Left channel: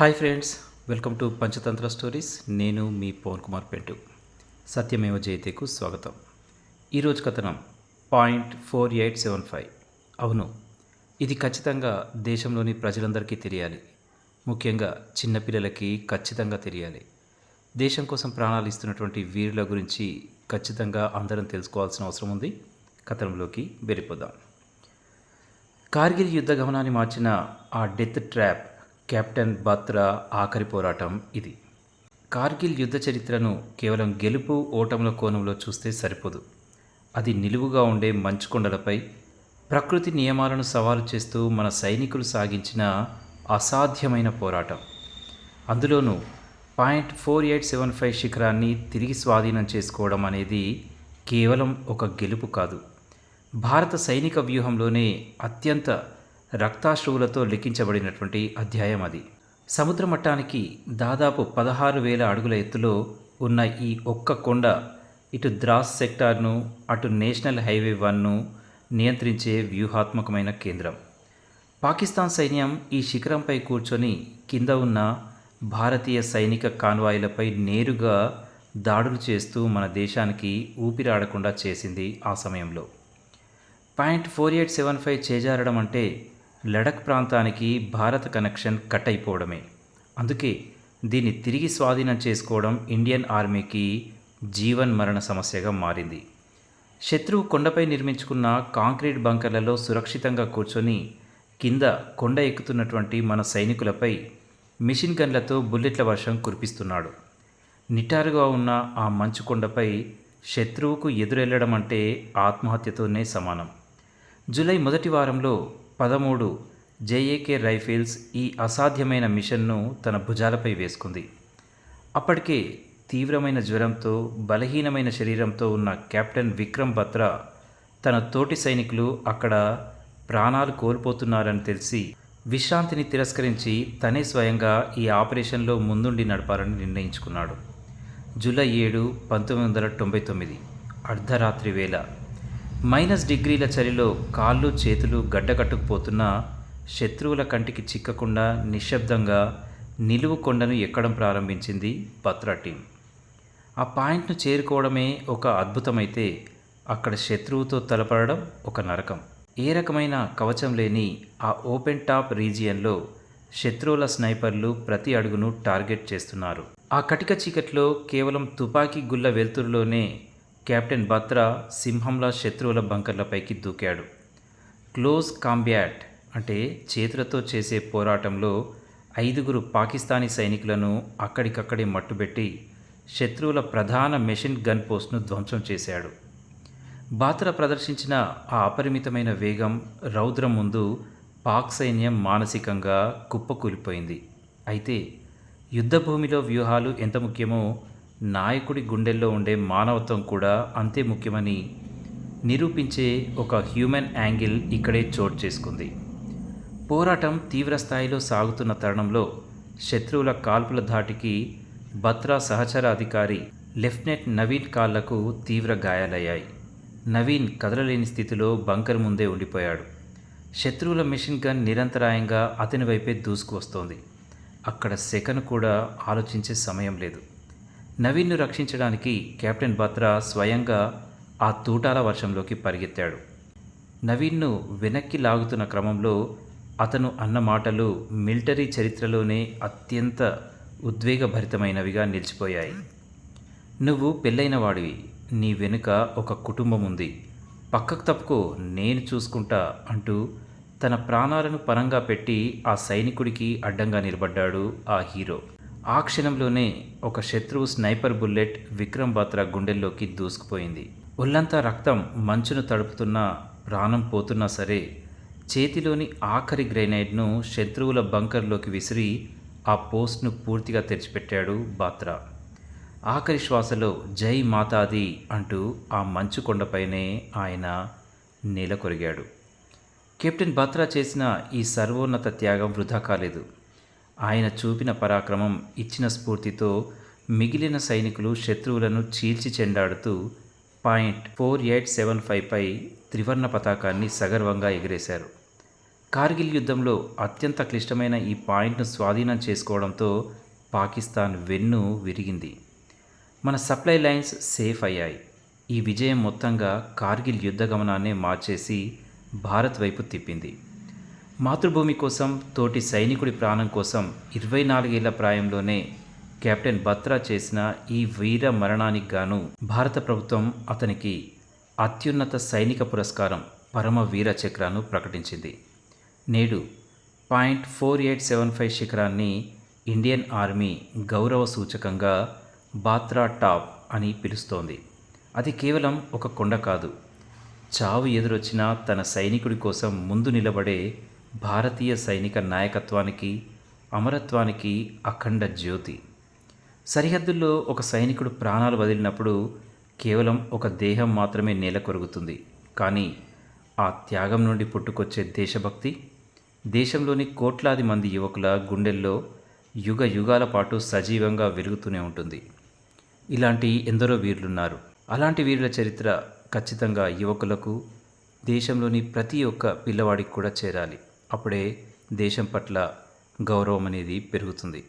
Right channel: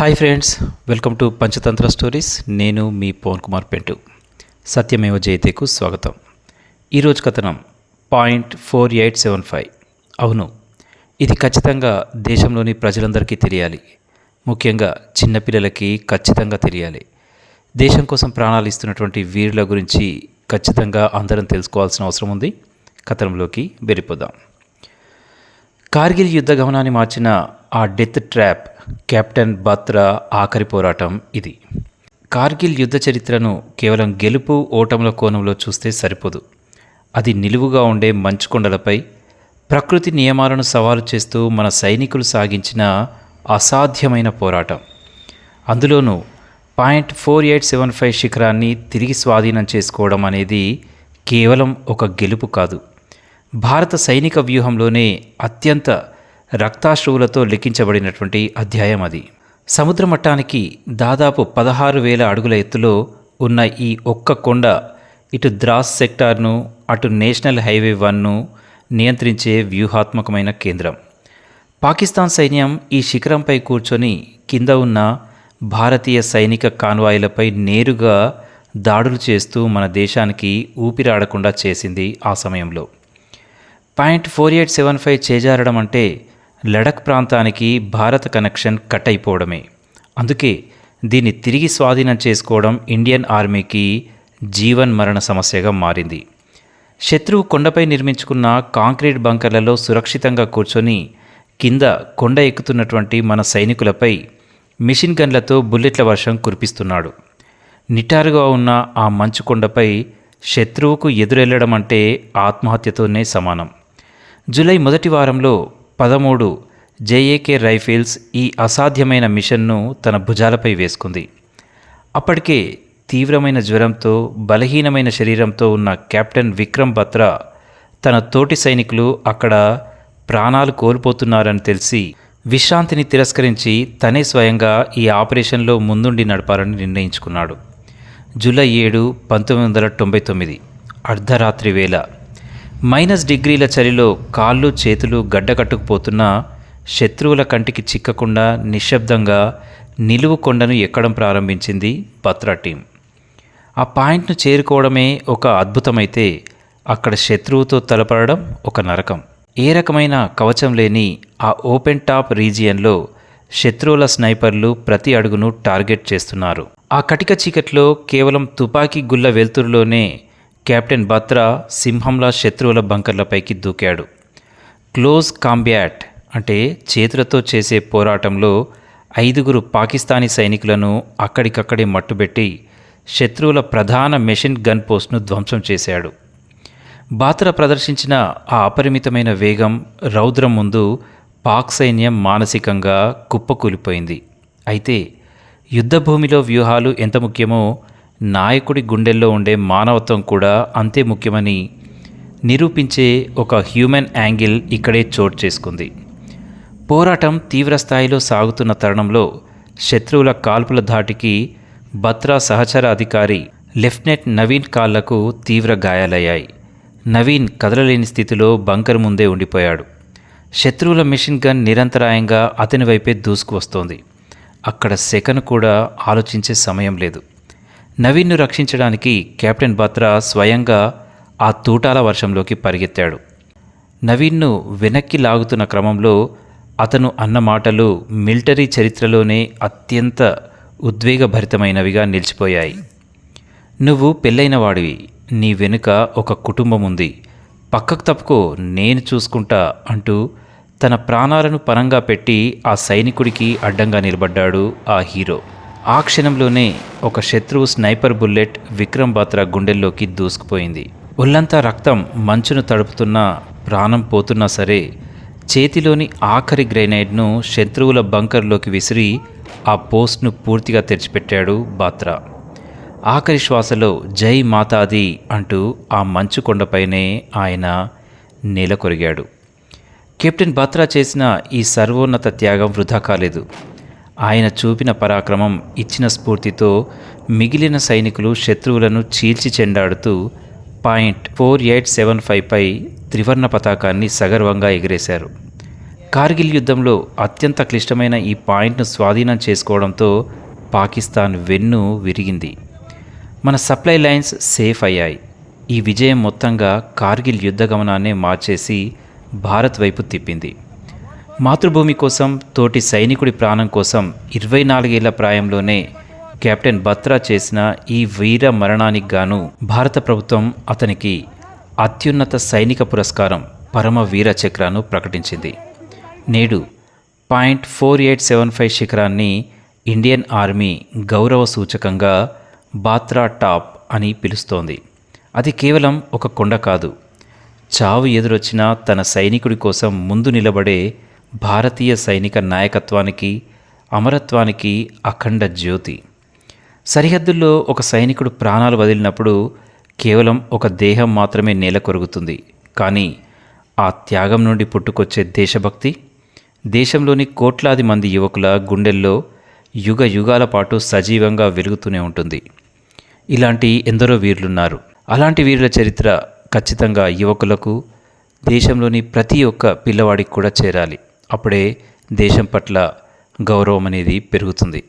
Hi friends, welcome to Panchatantra stories. నేను మీ పవన్ కుమార్ పెంటు. సత్యమేవ జయతేకు స్వాగతం. ఈరోజు కథనం .4875. అవును, ఇది ఖచ్చితంగా దేశంలోని ప్రజలందరికీ తెలియాలి. ముఖ్యంగా చిన్నపిల్లలకి ఖచ్చితంగా తెలియాలి. దేశం కోసం ప్రాణాలు ఇస్తున్నటువంటి వీరుల గురించి ఖచ్చితంగా అందరం తెలుసుకోవాల్సిన అవసరం ఉంది. కథనంలోకి వెళ్ళిపోదాం. కార్గిల్ యుద్ధ గమనాన్ని మార్చిన ఆ డెత్ ట్రాప్ కెప్టెన్ బాత్రా ఆఖరి పోరాటం ఇది. కార్గిల్ యుద్ధ చరిత్రను కేవలం గెలుపు ఓటముల కోణంలో చూస్తే సరిపోదు. అది నిలువుగా ఉండే మంచుకొండలపై ప్రకృతి నియమాలను సవాలు చేస్తూ మన సైనికులు సాగించిన అసాధ్యమైన పోరాటం. అందులోనూ .4875 శిఖరాన్ని తిరిగి స్వాధీనం చేసుకోవడం అనేది కేవలం ఒక గెలుపు కాదు. భారత సైనిక వ్యూహంలోనే అత్యంత రక్తాశ్రువులతో లిఖించబడినటువంటి అధ్యాయం అది. సముద్ర మట్టానికి దాదాపు 16,000 అడుగుల ఎత్తులో ఉన్న ఈ ఒక్క కొండ ఇటు ద్రాస్ సెక్టార్ను, అటు నేషనల్ హైవే 1ను నియంత్రించే వ్యూహాత్మకమైన కేంద్రం. పాకిస్తాన్ సైన్యం ఈ శిఖరంపై కూర్చొని కింద ఉన్న భారతీయ సైనిక కాన్వాయిలపై నేరుగా దాడులు చేస్తూ మన దేశానికి ఊపిరాడకుండా చేసింది. ఆ సమయంలో .4875 చేజారడం అంటే లడఖ్ ప్రాంతానికి భారత కనెక్షన్ కట్ అయిపోవడమే. అందుకే దీన్ని తిరిగి స్వాధీనం చేసుకోవడం ఇండియన్ ఆర్మీకి జీవన్ మరణ సమస్యగా మారింది. శత్రువు కొండపై నిర్మించుకున్న కాంక్రీట్ బంకర్లలో సురక్షితంగా కూర్చొని కింద కొండ ఎక్కుతున్నటువంటి మన సైనికులపై మిషన్ గన్లతో బుల్లెట్ల వర్షం కురిపిస్తున్నాడు. నిటారుగా ఉన్న ఆ మంచు కొండపై శత్రువుకు ఎదురెళ్లడం అంటే ఆత్మహత్యతోనే సమానం. జూలై మొదటి వారంలో 13 జేఏకే రైఫిల్స్ ఈ అసాధ్యమైన మిషన్ను తన భుజాలపై వేసుకుంది. అప్పటికే తీవ్రమైన జ్వరంతో బలహీనమైన శరీరంతో ఉన్న కెప్టెన్ విక్రమ్ బత్రా తన తోటి సైనికులు అక్కడ ప్రాణాలు కోల్పోతున్నారని తెలిసి విశ్రాంతిని తిరస్కరించి తనే స్వయంగా ఈ ఆపరేషన్లో ముందుండి నడపాలని నిర్ణయించుకున్నాడు. జూలై 7, 1999 అర్ధరాత్రి వేళ -డిగ్రీల చలిలో కాళ్ళు చేతులు గడ్డకట్టుకుపోతున్న శత్రువుల కంటికి చిక్కకుండా నిశ్శబ్దంగా నిలువు కొండను ఎక్కడం ప్రారంభించింది బత్రా టీం. ఆ పాయింట్ను చేరుకోవడమే ఒక అద్భుతమైతే అక్కడ శత్రువుతో తలపడడం ఒక నరకం. ఏ రకమైన కవచం లేని ఆ ఓపెన్ టాప్ రీజియన్లో శత్రువుల స్నైపర్లు ప్రతి అడుగును టార్గెట్ చేస్తున్నారు. ఆ కటిక చీకట్లో కేవలం తుపాకీ గుళ్ళ వెలుతురులోనే కెప్టెన్ బత్రా సింహంలా శత్రువుల బంకర్లపైకి దూకాడు. క్లోజ్ కాంబ్యాట్ అంటే చేతులతో చేసే పోరాటంలో 5 పాకిస్తానీ సైనికులను అక్కడికక్కడే మట్టుబెట్టి శత్రువుల ప్రధాన మెషిన్ గన్ పోస్ట్ను ధ్వంసం చేశాడు. బాత్రా ప్రదర్శించిన ఆ అపరిమితమైన వేగం, రౌద్రం ముందు పాక్ సైన్యం మానసికంగా కుప్పకూలిపోయింది. అయితే యుద్ధభూమిలో వ్యూహాలు ఎంత ముఖ్యమో నాయకుడి గుండెల్లో ఉండే మానవత్వం కూడా అంతే ముఖ్యమని నిరూపించే ఒక హ్యూమన్ యాంగిల్ ఇక్కడే చోటు చేసుకుంది. పోరాటం తీవ్రస్థాయిలో సాగుతున్న తరుణంలో శత్రువుల కాల్పుల ధాటికి బత్రా సహచర అధికారి లెఫ్టినెంట్ నవీన్ కాళ్లకు తీవ్ర గాయాలయ్యాయి. నవీన్ కదలలేని స్థితిలో బంకర్ ముందే ఉండిపోయాడు. శత్రువుల మిషన్ గన్ నిరంతరాయంగా అతని వైపే దూసుకు వస్తోంది. అక్కడ సెకను కూడా ఆలోచించే సమయం లేదు. నవీన్ను రక్షించడానికి కెప్టెన్ బత్రా స్వయంగా ఆ తూటాల వర్షంలోకి పరిగెత్తాడు. నవీన్ను వెనక్కి లాగుతున్న క్రమంలో అతను అన్న మాటలు మిలిటరీ చరిత్రలోనే అత్యంత ఉద్వేగభరితమైనవిగా నిలిచిపోయాయి. నువ్వు పెళ్ళైన వాడివి, నీ వెనుక ఒక కుటుంబం ఉంది, పక్కకు తప్పుకో, నేను చూసుకుంటా అంటూ తన ప్రాణాలను పణంగా పెట్టి ఆ సైనికుడికి అడ్డంగా నిలబడ్డాడు ఆ హీరో. ఆ క్షణంలోనే ఒక శత్రువు స్నైపర్ బుల్లెట్ విక్రమ్ బత్రా గుండెల్లోకి దూసుకుపోయింది. ఒళ్ళంతా రక్తం మంచును తడుపుతున్నా, ప్రాణం పోతున్నా సరే చేతిలోని ఆఖరి గ్రెనేడ్ను శత్రువుల బంకర్లోకి విసిరి ఆ పోస్ట్ను పూర్తిగా తెరిచిపెట్టాడు బాత్రా. ఆఖరి శ్వాసలో జై మాతాది అంటూ ఆ మంచు కొండపైనే ఆయన నేల కొరిగాడు. కెప్టెన్ బత్రా చేసిన ఈ సర్వోన్నత త్యాగం వృధా కాలేదు. ఆయన చూపిన పరాక్రమం, ఇచ్చిన స్ఫూర్తితో మిగిలిన సైనికులు శత్రువులను చీల్చి చెండాడుతూ .4875పై త్రివర్ణ పతాకాన్ని సగర్వంగా ఎగిరేశారు. కార్గిల్ యుద్ధంలో అత్యంత క్లిష్టమైన ఈ పాయింట్ను స్వాధీనం చేసుకోవడంతో పాకిస్తాన్ వెన్ను విరిగింది. మన సప్లై లైన్స్ సేఫ్ అయ్యాయి. ఈ విజయం మొత్తంగా కార్గిల్ యుద్ధ గమనాన్నే మార్చేసి భారత్ వైపు తిప్పింది. మాతృభూమి కోసం, తోటి సైనికుడి ప్రాణం కోసం 24 ఏళ్ల ప్రాయంలోనే కెప్టెన్ బత్రా చేసిన ఈ వీర మరణానికి గాను భారత ప్రభుత్వం అతనికి అత్యున్నత సైనిక పురస్కారం పరమ వీర చక్రాను ప్రకటించింది. నేడు .4875 శిఖరాన్ని ఇండియన్ ఆర్మీ గౌరవ సూచకంగా బాత్రా టాప్ అని పిలుస్తోంది. అది కేవలం ఒక కొండ కాదు, చావు ఎదురొచ్చినా తన సైనికుడి కోసం ముందు నిలబడే భారతీయ సైనిక నాయకత్వానికి, అమరత్వానికి అఖండ జ్యోతి. సరిహద్దుల్లో ఒక సైనికుడు ప్రాణాలు వదిలినప్పుడు కేవలం ఒక దేహం మాత్రమే నేల కొరుగుతుంది. కానీ ఆ త్యాగం నుండి పుట్టుకొచ్చే దేశభక్తి దేశంలోని కోట్లాది మంది యువకుల గుండెల్లో యుగ యుగాల పాటు సజీవంగా వెలుగుతూనే ఉంటుంది. ఇలాంటి ఎందరో వీరులున్నారు. అలాంటి వీరుల చరిత్ర ఖచ్చితంగా యువకులకు, దేశంలోని ప్రతి ఒక్క పిల్లవాడికి కూడా చేరాలి. అప్పుడే దేశం పట్ల గౌరవం అనేది పెరుగుతుంది.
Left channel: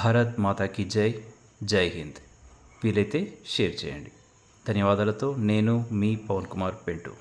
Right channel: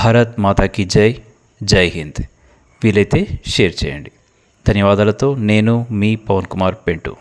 భారత్ మాతాకి జై, జై హింద్. వీలైతే షేర్ చేయండి. ధన్యవాదాలతో నేను మీ పవన్ కుమార్ పెంటు.